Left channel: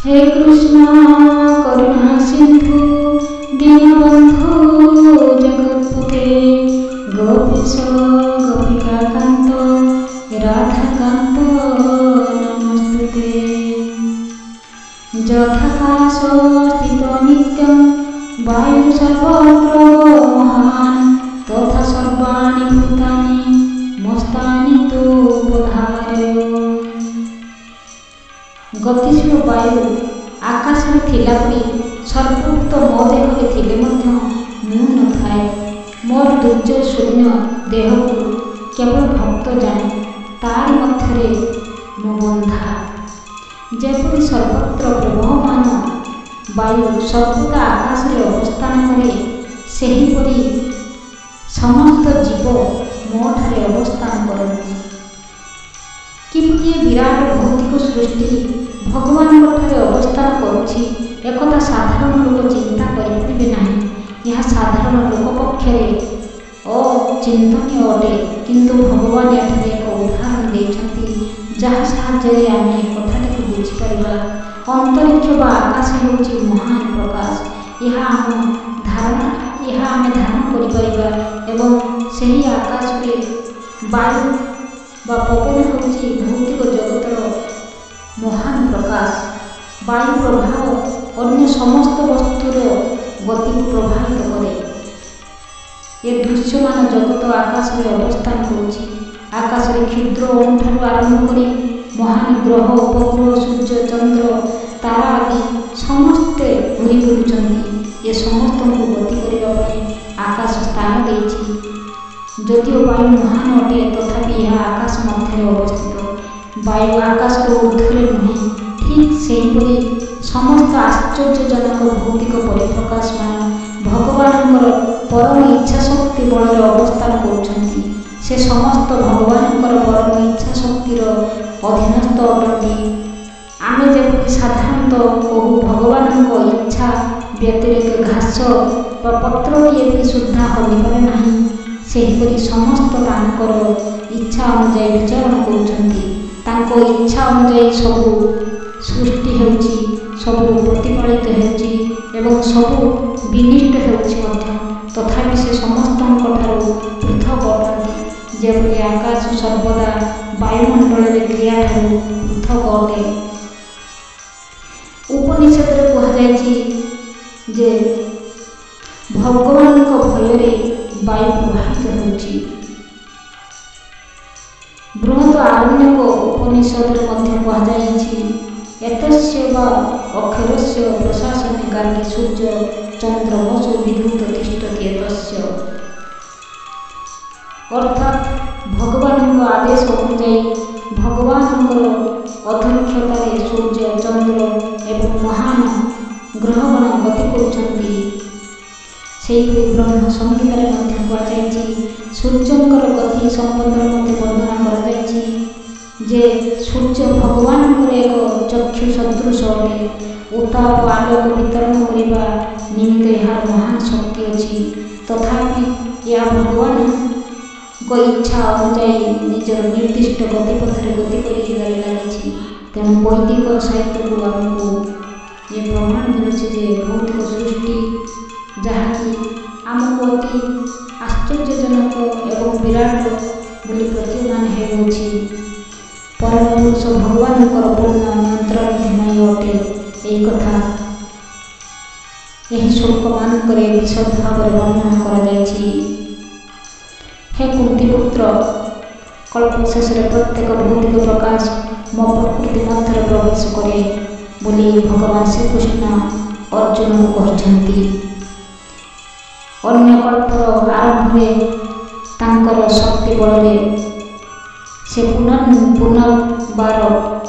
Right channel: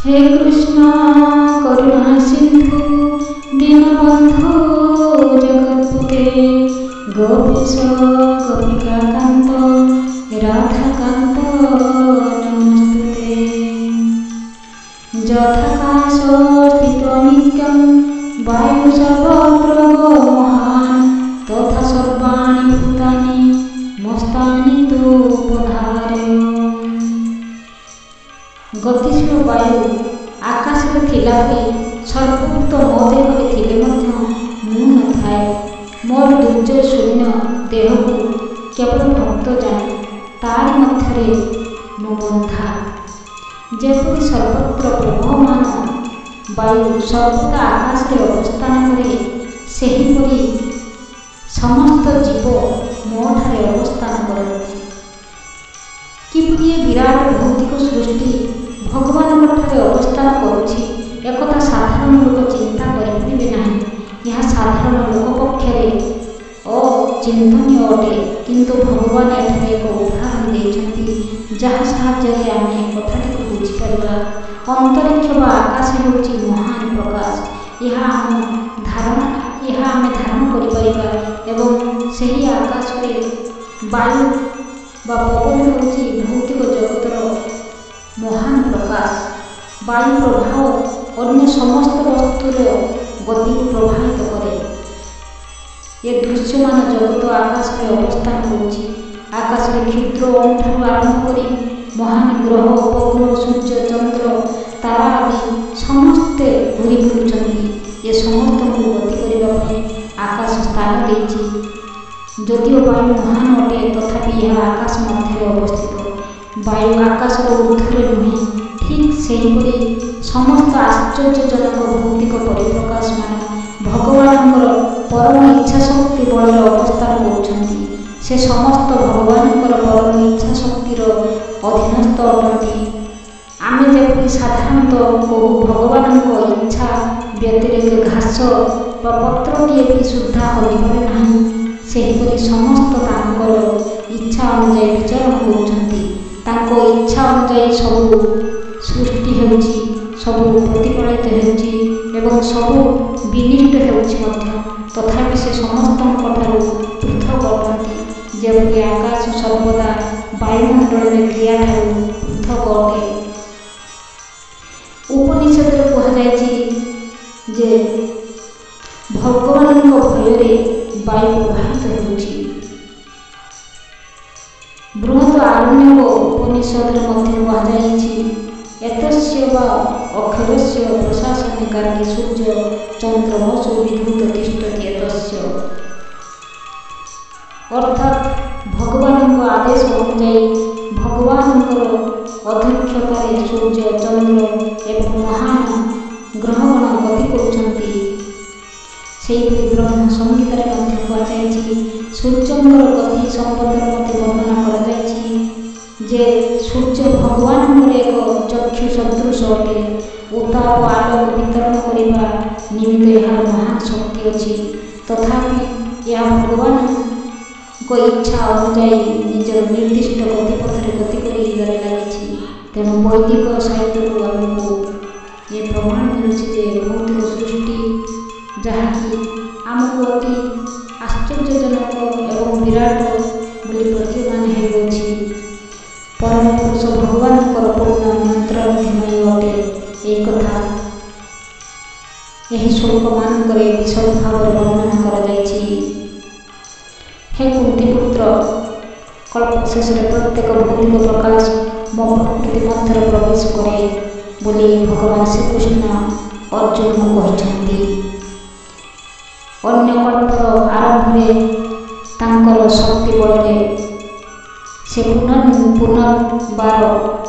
हे कृष्ण करुणा सिंधु दीनबंधु जगत्पते गोपीश गोपिका कांत राधाकांत नमस्तुते। यथाकाश स्थित नित्यं वायु सर्वत्र महान् तथा सर्वाणि भूतानि मस्तानि तु पधारय। गतिशील वायु आकाश में थिला परी सर्वभूत मो देहरे थिले मध्य मु न थाए। मोर दुर्जय शून्य देह को केवल भक्त जाने तारि मध्यरे मो बंधा। जेपरि सर्वत्र प्रवहमान वायु सर्वदा आकाश रे अवस्थान करे सेहीपरि समस्त जीव मो ठारे अवस्थान करती। किपरि विराट भौतिक सृष्टि भगवान ठारे अवस्थान करुछि एकथा साधारण लोक चिंता करिपारिबे नाही। यह साधारण लोक पक्षरे अचिंतनीय अटे, किंतु भगवान एठारे एक उदाहरण देइछन्ति जहाँ साहाय्य आमे कथाटी को बुझी परिबा। अंतरिक्ष बा आकाश हेउछि महान प्रकाश। यह आमे धारण करि परिबा एवं सेही आकाश रे वायु बा पवन हेउछि भौतिक जगतर महान प्रकाश। वायु प्रभाव अन्य समस्त वस्तुर गति को प्रभावित करे। ये दृश्यमान जगत आकाश रे अवस्थान करुछि। आकाश रे क्षुद्र अणुठारू आरंभ करी महान ग्रह उपग्रह सूर्य चंद्र तारा आदि समस्ते घूरी बुलुछन्ति। ये समस्त को गति करिबा पई आकाश स्थान देइछि। जदिओ वायु महान अटे तथापि यह आकाश मध्य अवस्थित। वायु आकाश ऊर्ध्वरे नुहे, ठीक सेहीपरि समस्त आश्चर्यजनक भौतिक परिप्रकाश मान भगवानଙ୍କର परम इच्छा शक्ति बल अवस्थान करुछन्ति। से समस्त भगवानଙ୍କର परम इच्छा शक्तिर अधीनस्थ अटंती। आमे जेपरि साधारणतः कहू भगवानଙ୍କ इच्छा व्यतिरेक घास वा पत्रटिए भी सुद्धा हलिपारे नाही, सेहीपरि समस्त तांकर इच्छा अनुଯାयी विचरण करुछन्ति। तांको इच्छा अनुଯାयी सबु सृष्टि हेउछि, सबु प्रतिपालित हेउछि एवं सबु विनिष्ट हेउछि मध्य। तथापि से समस्तंकठारु पृथक अटंती। जेपरि आकाश सर्वदा वायुमंडल क्रिया ठारू पृथक अटे। उपनिषद रे कहा जायछि जे भगवान भୟରେ वायु प्रवाहित होउछि। बृहत आरण्यक उपनिषद रे मध्य कहा जायछि एतस्य वा अक्षरस्य प्रशासने गार्गे सूर्य चंद्रमसो विद्युत तिष्ठति एतस्य। अर्थात भगवान आदेश अनुଯାयी भगवानଙ୍କର अध्यक्षतारे सूर्य चंद्र एवं महान ग्रहगण गति करुछन्ति। सेहीपरि ब्रह्म संहितारे मध्य कुहाଯାଇଛି सूर्यंकर गति संबंधर मध्य वर्णना कराଯାଇଛି जे सूर्य भगवानଙ୍କର ଏକ ଚକ୍ଷୁ ସଦୃଶ ଅଟେ। ଉତ୍ତାପ ଆଲୋକ ବିତରଣ କରିବା ନିମିତ୍ତ ଏହାର ମହାନ ଶକ୍ତି ଅଛି। ତଥାପି ଏହା ଭଗବାନଙ୍କ ଇଚ୍ଛା ଅନୁଯାୟୀ ନିଜର ନିର୍ଦ୍ଦିଷ୍ଟ ଗତିପଥରେ ଗତି କରିବାରେ ଲାଗିଛି। ତେଣୁ ବୈଦିକ ସାହିତ୍ୟକୁ ଆମକୁ ଏ ପ୍ରମାଣ ମିଳୁଛି ଯେ ଭୌତିକ ସୃଷ୍ଟି ଯାହାକି ଆମକୁ ଅତି ଆଶ୍ଚର୍ଯ୍ୟଜନକ ଏବଂ ବିରାଟ ବୋଲି ପ୍ରତୀୟମାନ ହେଉଅଛି परम पुरुष भगवानଙ୍କର पूर्ण नियंत्रणाधीन अटे। यही कथा यही श्लोक मानकरे विशद भाव वर्णना करा जायछि। हे कुंतीपुत्र, कल्प शेष प्रत्येक भौतिक प्रकाश मो प्रकृति मध्य प्रवेश करे बोली भगवान श्रीकृष्ण अर्जुन को कहछन्ति। अन्य कल्पर आरंभरे तांकर शक्ति बलरे से पुनर्बार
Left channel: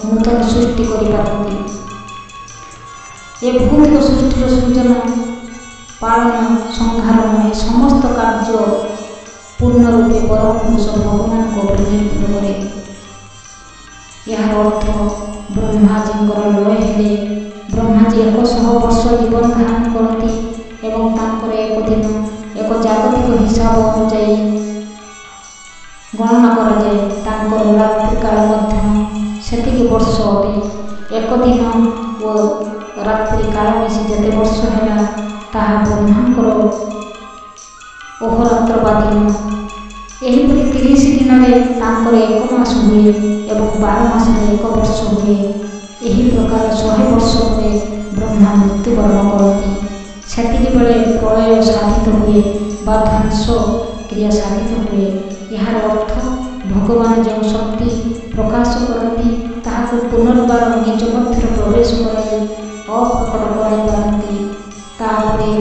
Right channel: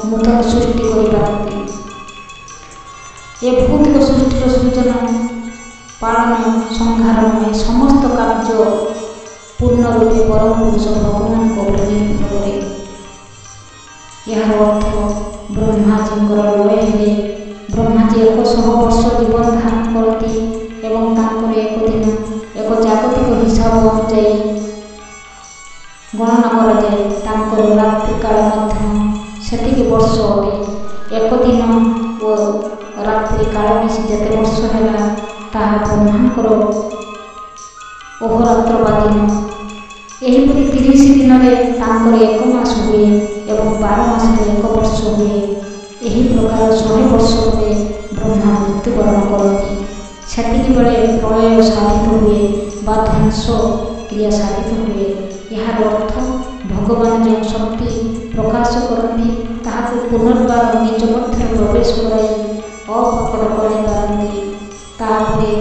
नूतन सृष्टि करिपारନ୍ତି। ए भौतिक सृष्टिर सृजन पालन संहारण समस्त कार्य पूर्ण रूपे परम पुरुष भगवान को निर्भर करे। यार अर्थ ब्रह्माजींकर लय हेले ब्रह्माजी 100 वर्ष जीवन धारण करती एवं तांकर एक दिन एक जागतिक हिसाब अनुଯାୟୀ गणना करा जाए। तांकर रात्रि काल मध्य सेतिकी वर्ष अटे। ଏକ ଦିନ ଓ ରାତ୍ରି କାଳ ମିଶି ଯେତେ ବର୍ଷ ହେଲା ତାହା ବ୍ରହ୍ମାଙ୍କର ଅହୋରାତ୍ର ବା ଦିନ। ଏହିପରି 30 ଦିନରେ ତାଙ୍କର 1 ମାସ ହୁଏ ଏବଂ 12 ମାସରେ 1 ବର୍ଷ ହୁଏ। ଏହି ପ୍ରକାର 100 ବର୍ଷ ପରେ ବ୍ରହ୍ମା ମୃତ୍ୟୁବରଣ କରନ୍ତି। ସେତିକି ବେଳେ ପ୍ରଳୟ ସାଧିତ ହୁଏ ବା ଧ୍ୱଂସ କ୍ରିୟା ସାଧିତ ହୁଏ। ଏହାର ଅର୍ଥ ଭଗବାନ ଯେଉଁ ଶକ୍ତି ପ୍ରକାଶ କରନ୍ତି ତାହାକୁ ପୁନର୍ବାର ନିଜ ମଧ୍ୟରେ ପ୍ରବେଶ କରାଇ ଅପ୍ରକଟ କରାଇ ପାରନ୍ତି। ତାପରେ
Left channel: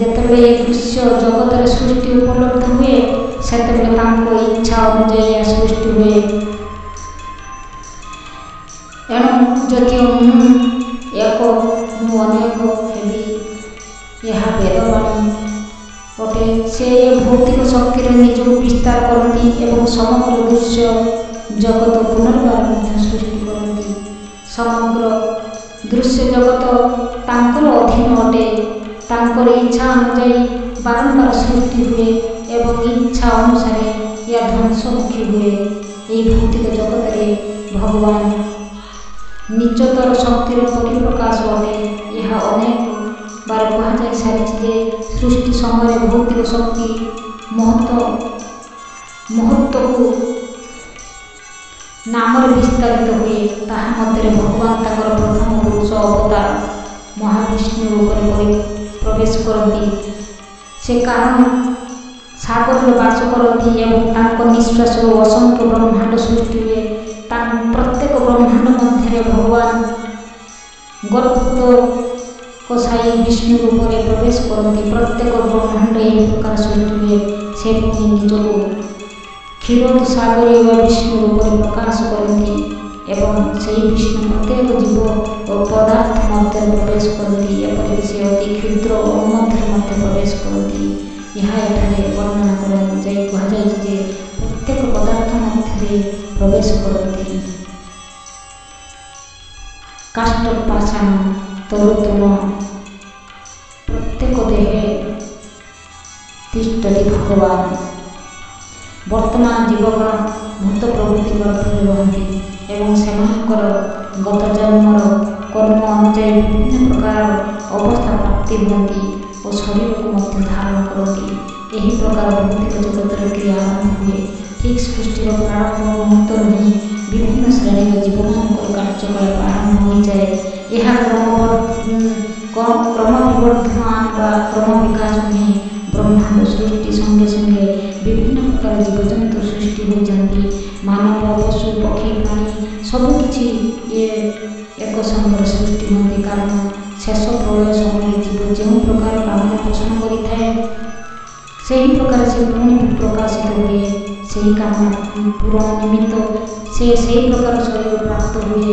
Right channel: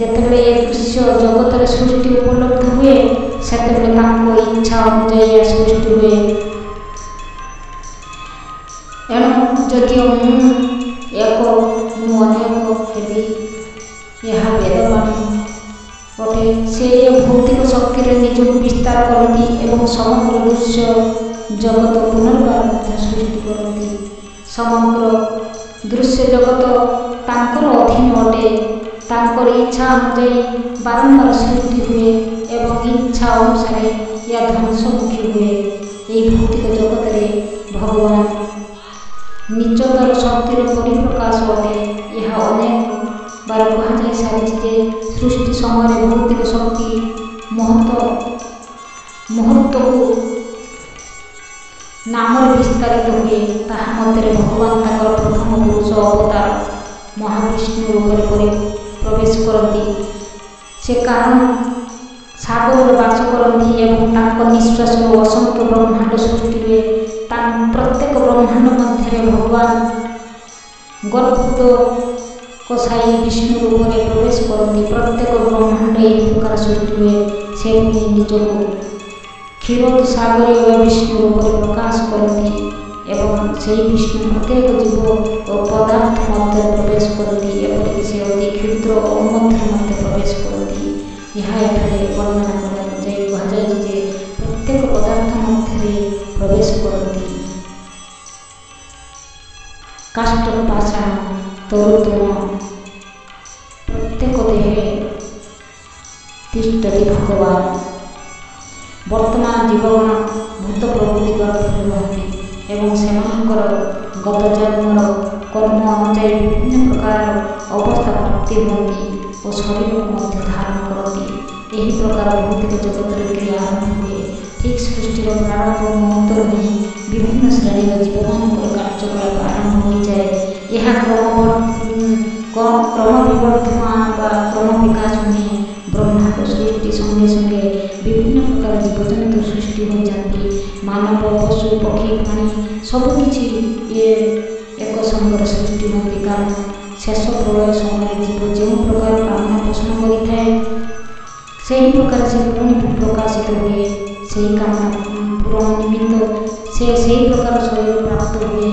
ଯେତେବେଳେ ଏ ଦୃଶ୍ୟ ଜଗତରେ ସୃଷ୍ଟି ଉପଲବ୍ଧ ହୁଏ ସେତେବେଳେ ତାଙ୍କ ଇଚ୍ଛା ଅନୁଯାୟୀ ଏହା ସୃଷ୍ଟି ହୁଏ। ଏଣୁ ଯଦିଓ ମୁଁ ଏକ ମୁଁ ଅନେକ ହେବି ଏହା ବେଦବାଣୀ ଅଟେ। ସେ ଏ ଭୌତିକ ଶକ୍ତିରେ ନିଜକୁ ବିସ୍ତାର କରନ୍ତି ଏବଂ ସମଗ୍ର ଦୃଶ୍ୟ ଜଗତ ପୁନର୍ବାର ମଧ୍ୟ ସୃଷ୍ଟି କରନ୍ତି। ସମଗ୍ର ଦୃଶ୍ୟ ଜଗତ ତାଙ୍କର ଅଧୀନ ଅଟେ। ତାଙ୍କର ଇଚ୍ଛା ଅନୁଯାୟୀ ବାରମ୍ବାର ସୃଷ୍ଟି ହୁଏ ଏବଂ ଇଚ୍ଛା ଅନୁସାରେ ଏହା ଧ୍ୱଂସମୁଖୀ ହୁଏ। ଏହି ଭୌତିକ ଜଗତରେ ଭଗବାନ ନିଚତର ଶକ୍ତିର ପରିପ୍ରକାଶ ଅଟେ। ଏହା ଅନେକ ବାର କୁହାଯାଇ ସାରିଛି ଯେ ସୃଷ୍ଟି ସମୟରେ ଭୌତିକ ଶକ୍ତି ମହତ୍ତ୍ୱକୁ ନାମରେ ବିସ୍ତାରିତ ହୁଏ। ତାହା ମଧ୍ୟରେ ଭଗବାନ ତାଙ୍କର ପ୍ରଥମ ପୁରୁଷ ଅବତାର ମହାବିଷ୍ଣୁ ରୂପରେ ପ୍ରବେଶ କରନ୍ତି। ସେ କାରଣ ସାଗରରେ ବାସ କରନ୍ତି ଏବଂ ତାଙ୍କ ନିଶ୍ୱାସରୁ ଅସଂଖ୍ୟ ବ୍ରହ୍ମାଣ୍ଡ ସୃଷ୍ଟି ହୁଏ। ପ୍ରତ୍ୟେକ ବ୍ରହ୍ମାଣ୍ଡ ମଧ୍ୟରେ ଭଗବାନ ଗର୍ଭୋଦ କସାଇ ବିଷ୍ଣୁ ରୂପରେ ପ୍ରବେଶ କରନ୍ତି। ପ୍ରତ୍ୟେକ ବ୍ରହ୍ମାଣ୍ଡ ଏହି ପ୍ରକାର ସୃଷ୍ଟି ହୁଏ। ସେ ପୁଣି ନିଜକୁ କ୍ଷୀରୋଦସାଗରୀୟ ବିଷ୍ଣୁ ରୂପରେ ପ୍ରକାଶ କରନ୍ତି ଏବଂ ସେହି ବିଷ୍ଣୁ ପ୍ରତ୍ୟେକ ଜୀବ ଓ ପଦାର୍ଥ ମଧ୍ୟରେ ପ୍ରବେଶ କରନ୍ତି। ଏପରିକି ସେ ଅତି କ୍ଷୁଦ୍ର ଅଣୁ ମଧ୍ୟରେ ମଧ୍ୟ ପ୍ରବେଶ କରନ୍ତି। ଏହା ଏଠାରେ ବର୍ଣ୍ଣନା କରାଯାଇ କୁହାଯାଇଛି ଯେ ପ୍ରତ୍ୟେକ ପଦାର୍ଥ ମଧ୍ୟରେ ପ୍ରବେଶ କରନ୍ତି। କାଷ୍ଠ ପାଷାଣ ତରୁତୃଣ ପ୍ରତ୍ୟେକ ଦେହେ ତିଷ୍ଠତି ଭଗବାନ। ବର୍ତ୍ତମାନ ଜୀବଗଣ ଭୂତ ପ୍ରଭୃତି ଗର୍ଭରେ ରୁହନ୍ତି ଏବଂ ସେମାନଙ୍କର ଗତ ଜନ୍ମର କର୍ମ ଅନୁଯାୟୀ ବିଭିନ୍ନ ପ୍ରକାର ଅବସ୍ଥା ପ୍ରାପ୍ତି ହୁଅନ୍ତି ଓ ଶରୀରକୁ ମଧ୍ୟ ଧାରଣ କରନ୍ତି। ଏହି ପ୍ରକାର ଭୌତିକ ଜଗତର କ୍ରିୟା ଆରମ୍ଭ ହୁଏ। ଠିକ୍ ସୃଷ୍ଟିର ପ୍ରାରମ୍ଭ ମୁହୂର୍ତ୍ତରୁ ହିଁ ବିଭିନ୍ନ ଶ୍ରେଣୀର ଜୀବମାନଙ୍କର କାର୍ଯ୍ୟକଳାପ ଆରମ୍ଭ ହୋଇଯାଏ। ଏହା କ୍ରମବିବର୍ଦ୍ଧମାନ ବା କ୍ରମ ବିକାଶ ନୁହେଁ। ବ୍ରହ୍ମାଣ୍ଡ ସୃଷ୍ଟି ସଙ୍ଗେ ସଙ୍ଗେ ବିଭିନ୍ନ ପ୍ରକାର ଜୀବଜନ୍ତୁ ସୃଷ୍ଟି ହୋଇଯାନ୍ତି। ମାନବ ପଶୁ ପକ୍ଷୀ ପ୍ରାଣୀ ସବୁକିଛି ଏକ ସଙ୍ଗରେ ସୃଷ୍ଟି ହୁଅନ୍ତି। କାରଣ ଶେଷ ପ୍ରଳୟ ସମୟରେ ଜୀବ ଯେଉଁ ପ୍ରକାର କାମନା ପୋଷଣ କରିଥାଏ ସେହି ପ୍ରକାର ସେ ପୁଣି ପ୍ରକାଶିତ ହୁଏ। ସେହି କାମନା ପୂରଣ ନିମିତ୍ତ ସେ ସେହି ପ୍ରକାର ଶରୀର ପ୍ରାପ୍ତ ହୁଏ।